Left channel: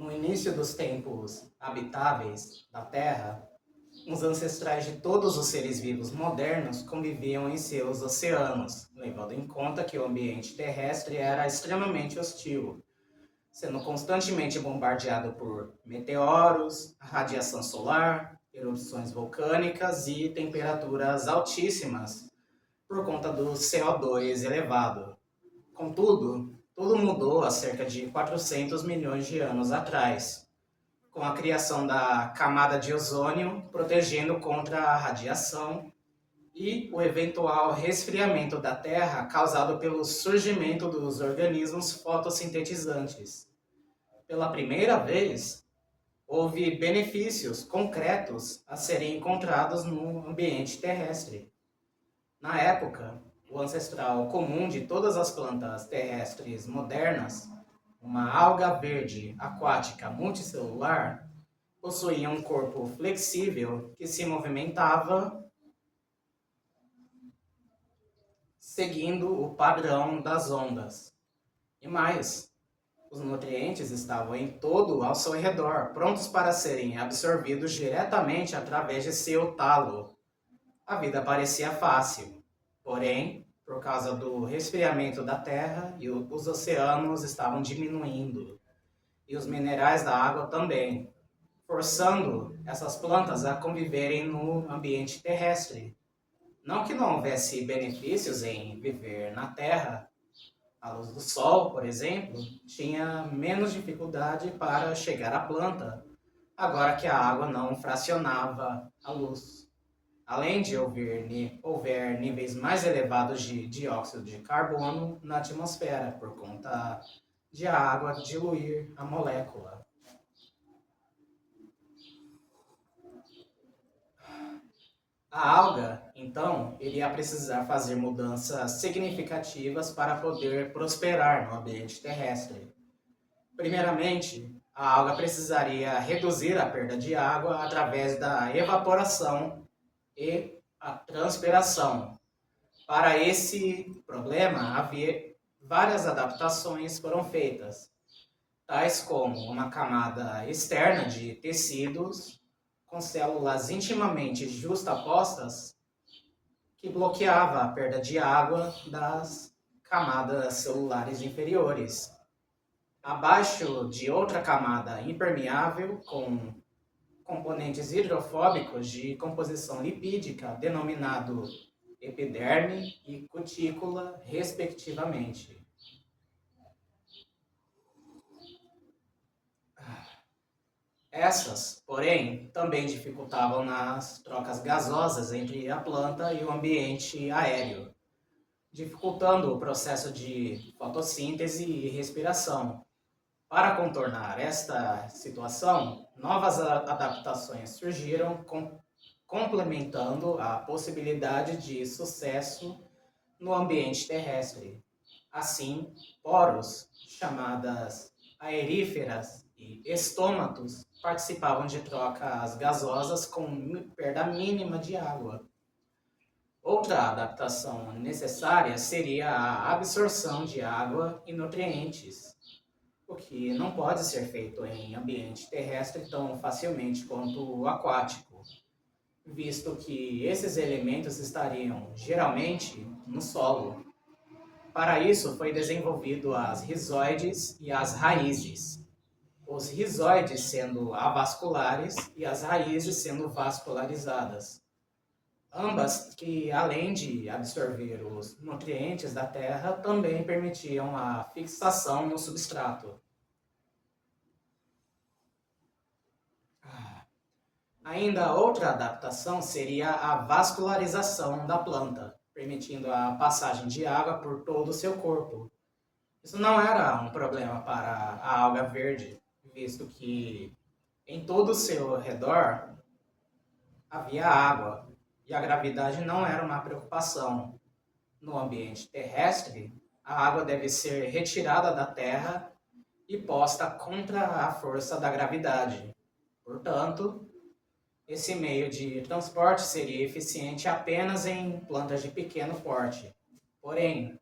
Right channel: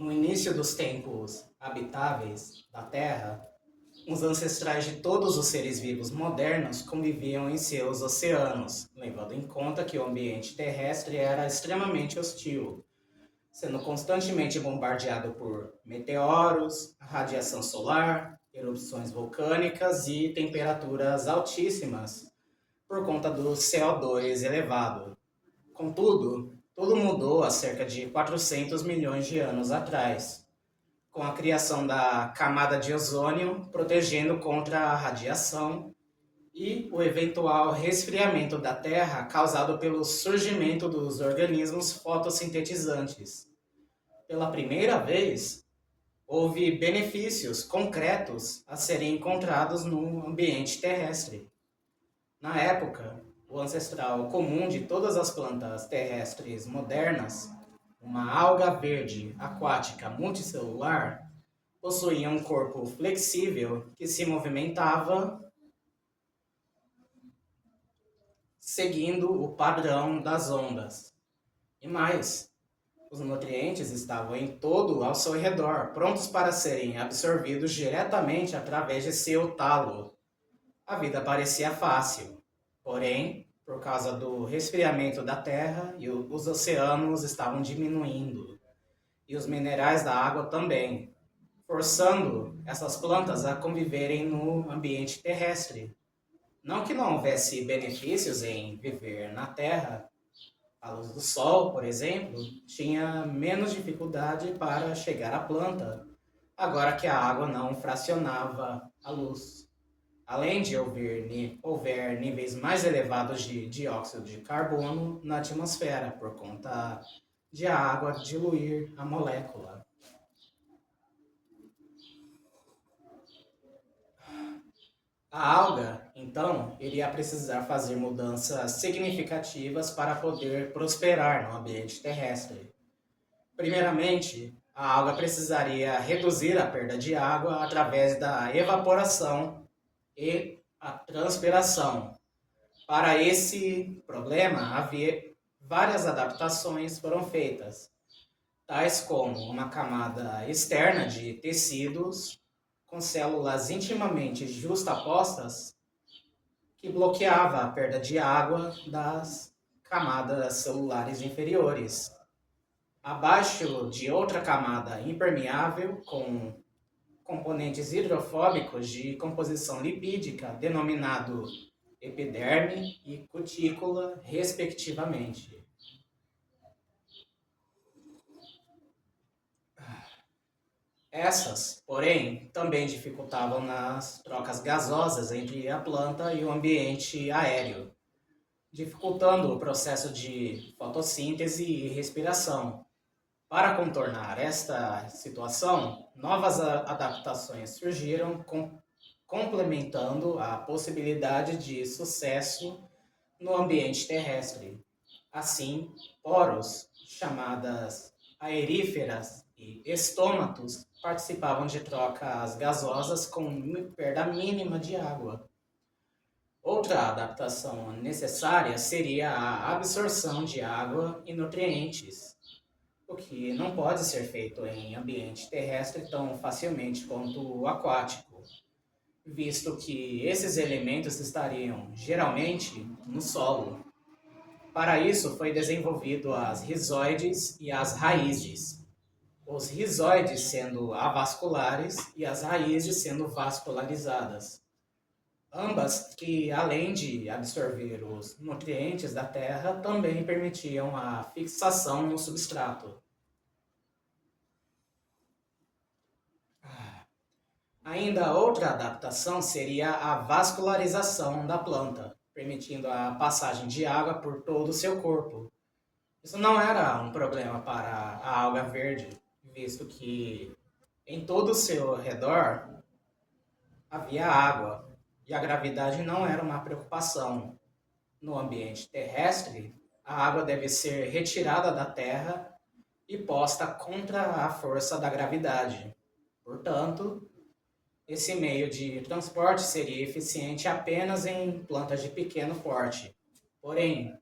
No início dos tempos habitáveis da Terra, os ancestrais de todos os seres vivos modernos conviviam em seus oceanos, levando em conta que o ambiente terrestre era extremamente hostil, sendo constantemente bombardeado por meteoros, radiação solar, erupções vulcânicas e temperaturas altíssimas por conta do CO2 elevado. Contudo, tudo mudou há cerca de 400 milhões de anos atrás, com a criação da camada de ozônio protegendo contra a radiação e o eventual resfriamento da Terra causado pelo surgimento dos organismos fotossintetizantes. Pela primeira vez, houve benefícios concretos a serem encontrados no ambiente terrestre. Na época, o ancestral comum de todas as plantas terrestres modernas, uma alga verde aquática multicelular, possuía um corpo flexível que se movimentava seguindo o padrão das ondas. E mais, os nutrientes estavam em todo ao seu redor, prontos para serem absorvidos diretamente através de seu talo. A vida parecia fácil, porém, por causa do resfriamento da Terra, os oceanos estavam diminuindo, e os minerais da água também, forçando essas plantas a conviverem no ambiente terrestre. Não que não houvesse benefícios em viver na Terra, a luz do sol, por exemplo, tinha menos dificuldade para chegar à planta, agora que a água não fracionava a luz. Além de houver níveis mais elevados de dióxido de carbono na atmosfera, por conta de a água diluir a molécula. A alga, então, iria precisar fazer mudanças significativas para poder prosperar no ambiente terrestre. Primeiramente, a alga precisaria reduzir a perda de água através da evaporação e a transpiração. Para esse problema, havia várias adaptações foram feitas, tais como uma camada externa de tecidos com células intimamente justapostas que bloqueava a perda de água das camadas celulares inferiores. Abaixo de outra camada impermeável com componentes hidrofóbicos de composição lipídica, denominado epiderme e cutícula, respectivamente. Essas, porém, também dificultavam nas trocas gasosas entre a planta e o ambiente aéreo, dificultando o processo de fotossíntese e respiração. Para contornar esta situação, novas adaptações surgiram, complementando a possibilidade de sucesso no ambiente terrestre. Assim, poros, chamadas aeríferas e estômatos, participavam de trocas gasosas com perda mínima de água. Outra adaptação necessária seria a absorção de água e nutrientes, o que não pode ser feito em ambiente terrestre tão facilmente quanto o aquático, visto que esses elementos estariam geralmente no solo. Para isso foi desenvolvido as rizoides e as raízes. Os rizoides sendo avasculares e as raízes sendo vascularizadas. Ambas que, além de absorver os nutrientes da terra, também permitiam a fixação no substrato. Ainda outra adaptação seria a vascularização da planta, permitindo a passagem de água por todo o seu corpo. Isso não era um problema para a alga verde, visto que em todo o seu redor havia água e a gravidade não era uma preocupação. No ambiente terrestre, a água deve ser retirada da terra e posta contra a força da gravidade. Portanto, esse meio de transporte seria eficiente apenas em plantas de pequeno porte. Porém,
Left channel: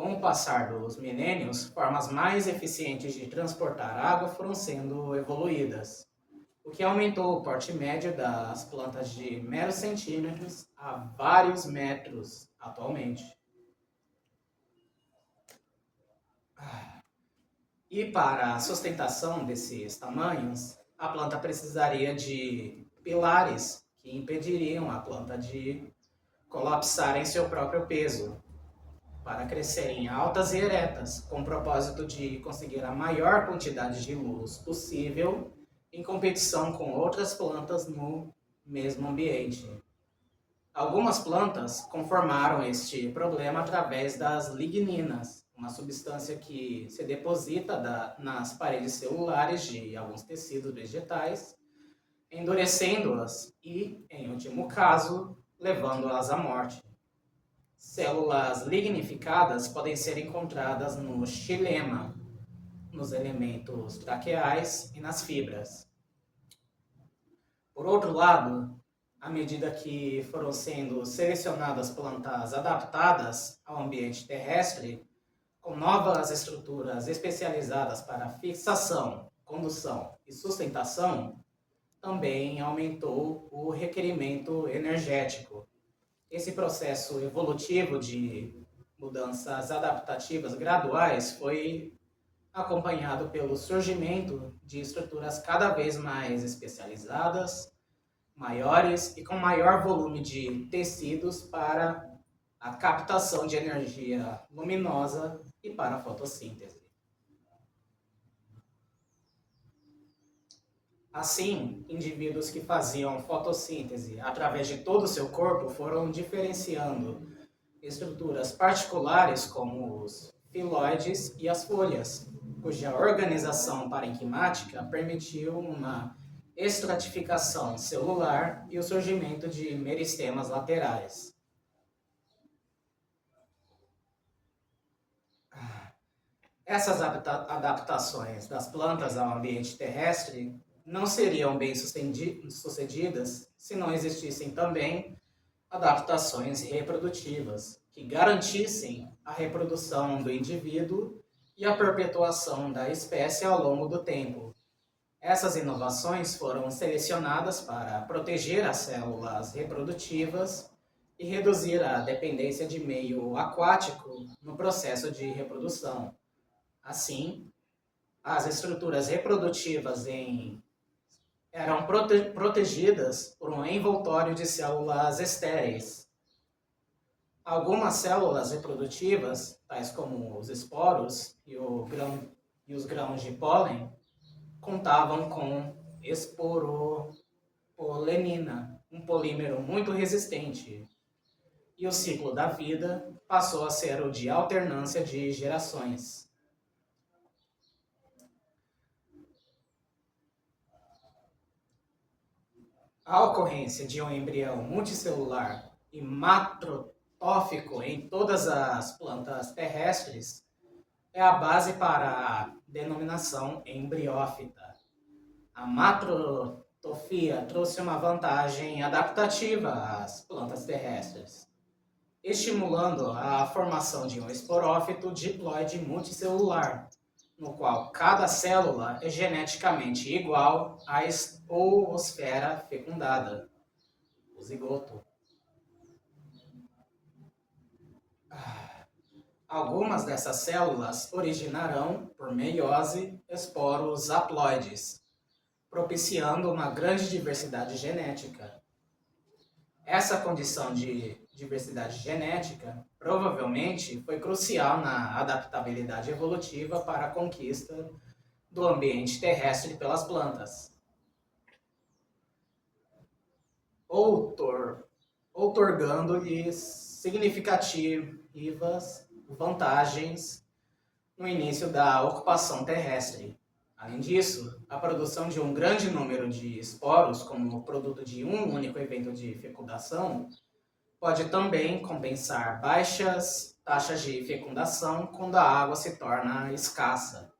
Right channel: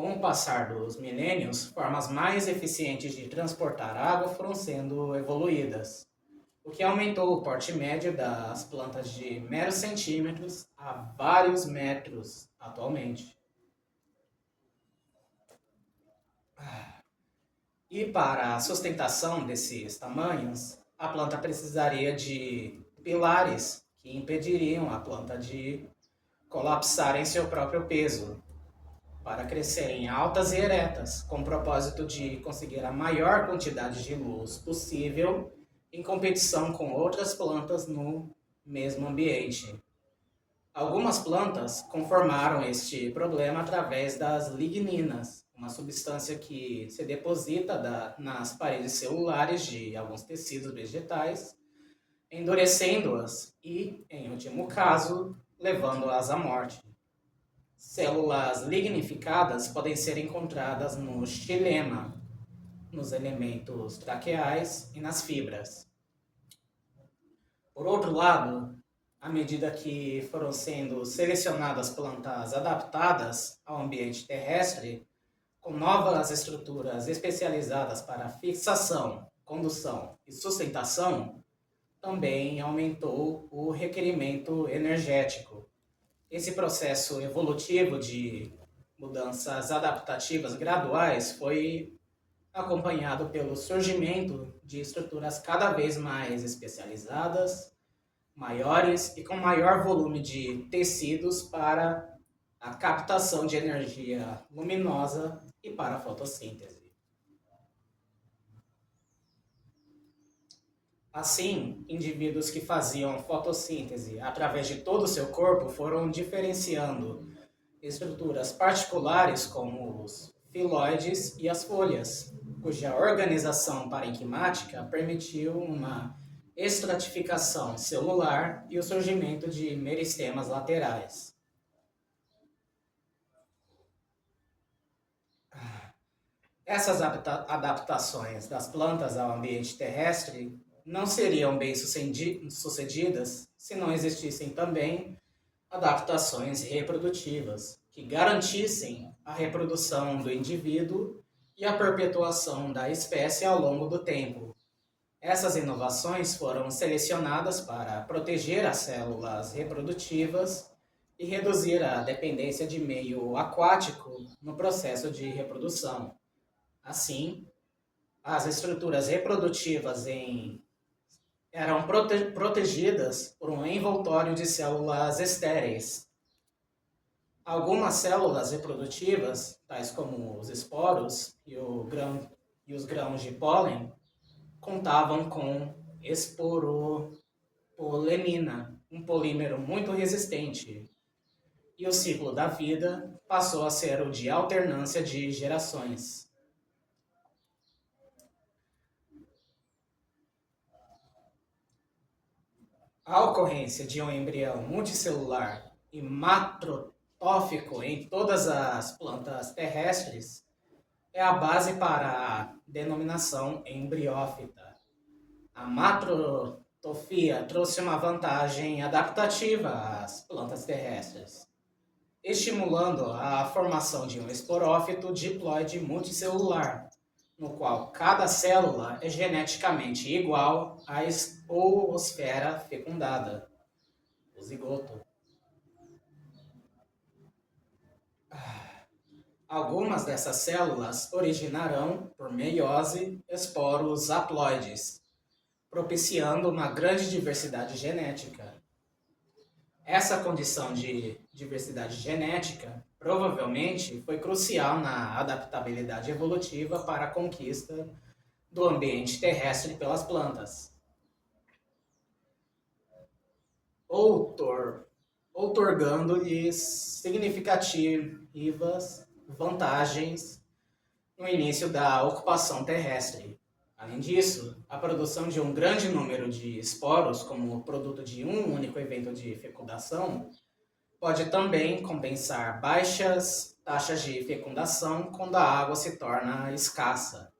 Com o passar dos milênios, formas mais eficientes de transportar água foram sendo evoluídas, o que aumentou o porte médio das plantas de meros centímetros a vários metros atualmente. E para a sustentação desses tamanhos, a planta precisaria de pilares que impediriam a planta de colapsar em seu próprio peso, para crescerem altas e eretas, com o propósito de conseguir a maior quantidade de luz possível em competição com outras plantas no mesmo ambiente. Algumas plantas conformaram este problema através das ligninas, uma substância que se deposita nas paredes celulares de alguns tecidos vegetais, endurecendo-as e, em último caso, levando-as à morte. Células lignificadas podem ser encontradas no xilema, nos elementos traqueais e nas fibras. Por outro lado, à medida que foram sendo selecionadas plantas adaptadas ao ambiente terrestre, com novas estruturas especializadas para fixação, condução e sustentação, também aumentou o requerimento energético. Esse processo evolutivo de mudanças adaptativas graduais foi acompanhado pelo surgimento de estruturas cada vez mais especializadas, maiores e com maior volume de tecidos para a captação de energia luminosa e para a fotossíntese. Assim, indivíduos que faziam fotossíntese através de todo o seu corpo foram diferenciando estruturas particulares como os filóides e as folhas, cuja organização parenquimática permitiu uma estratificação celular e o surgimento de meristemas laterais. Essas adaptações das plantas ao ambiente terrestre não seriam bem sucedidas se não existissem também adaptações reprodutivas que garantissem a reprodução do indivíduo e a perpetuação da espécie ao longo do tempo. Essas inovações foram selecionadas para proteger as células reprodutivas e reduzir a dependência de meio aquático no processo de reprodução. Assim, as estruturas reprodutivas eram protegidas por um envoltório de células estéreis. Algumas células reprodutivas, tais como os esporos e os grãos de pólen, contavam com esporopolemina, um polímero muito resistente, e o ciclo da vida passou a ser o de alternância de gerações. A ocorrência de um embrião multicelular e macrotófico em todas as plantas terrestres é a base para a denominação embriófita. A macrotofia trouxe uma vantagem adaptativa às plantas terrestres, estimulando a formação de um esporófito diploide multicelular, no qual cada célula é geneticamente igual à oosfera fecundada, o zigoto. Algumas dessas células originarão, por meiose, esporos haploides, propiciando uma grande diversidade genética. Essa condição de diversidade genética provavelmente foi crucial na adaptabilidade evolutiva para a conquista do ambiente terrestre pelas plantas, outorgando-lhes significativas vantagens no início da ocupação terrestre. Além disso, a produção de um grande número de esporos como produto de um único evento de fecundação pode também compensar baixas taxas de fecundação quando a água se torna escassa,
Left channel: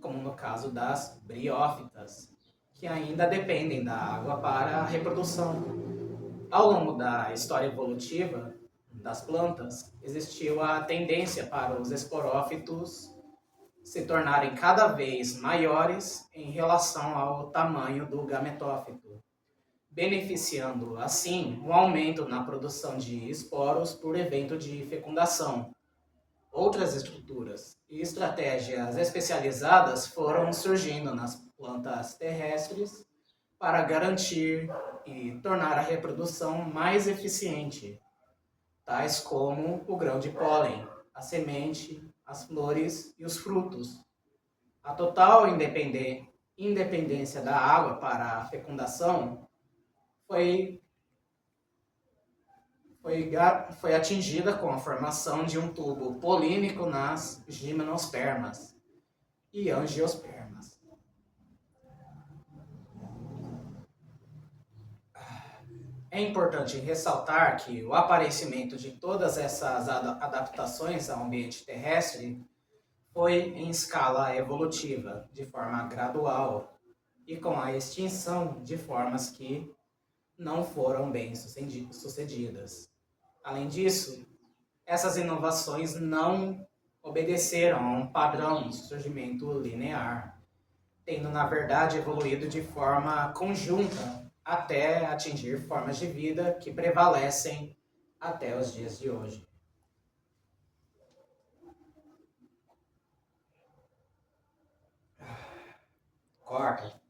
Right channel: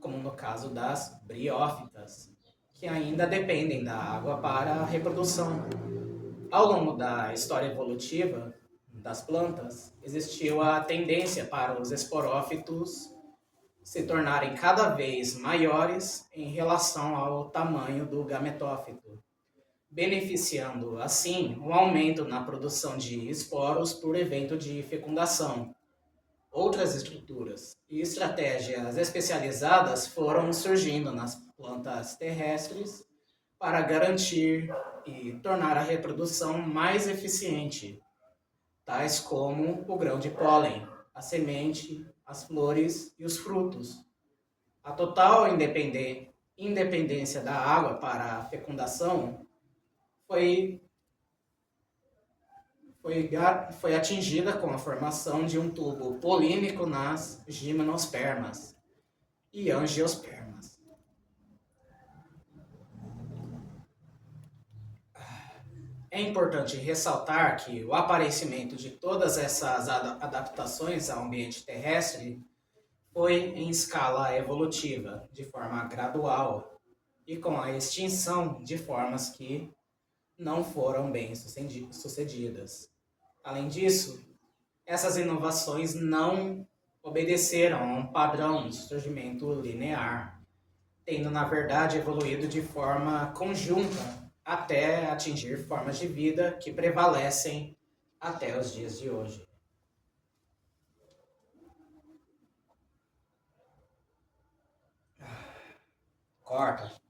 como no caso das briófitas, que ainda dependem da água para a reprodução. Ao longo da história evolutiva, das plantas, existiu a tendência para os esporófitos se tornarem cada vez maiores em relação ao tamanho do gametófito, beneficiando, assim, um aumento na produção de esporos por evento de fecundação. Outras estruturas e estratégias especializadas foram surgindo nas plantas terrestres para garantir e tornar a reprodução mais eficiente, tais como o grão de pólen, a semente, as flores e os frutos. A total independência da água para a fecundação foi, foi atingida com a formação de um tubo polínico nas gimnospermas e angiospermas. É importante ressaltar que o aparecimento de todas essas adaptações ao ambiente terrestre foi em escala evolutiva, de forma gradual, e com a extinção de formas que não foram bem sucedidas. Além disso, essas inovações não obedeceram a um padrão de surgimento linear, tendo na verdade evoluído de forma conjunta até atingir formas de vida que prevalecem até os dias de hoje. Corta.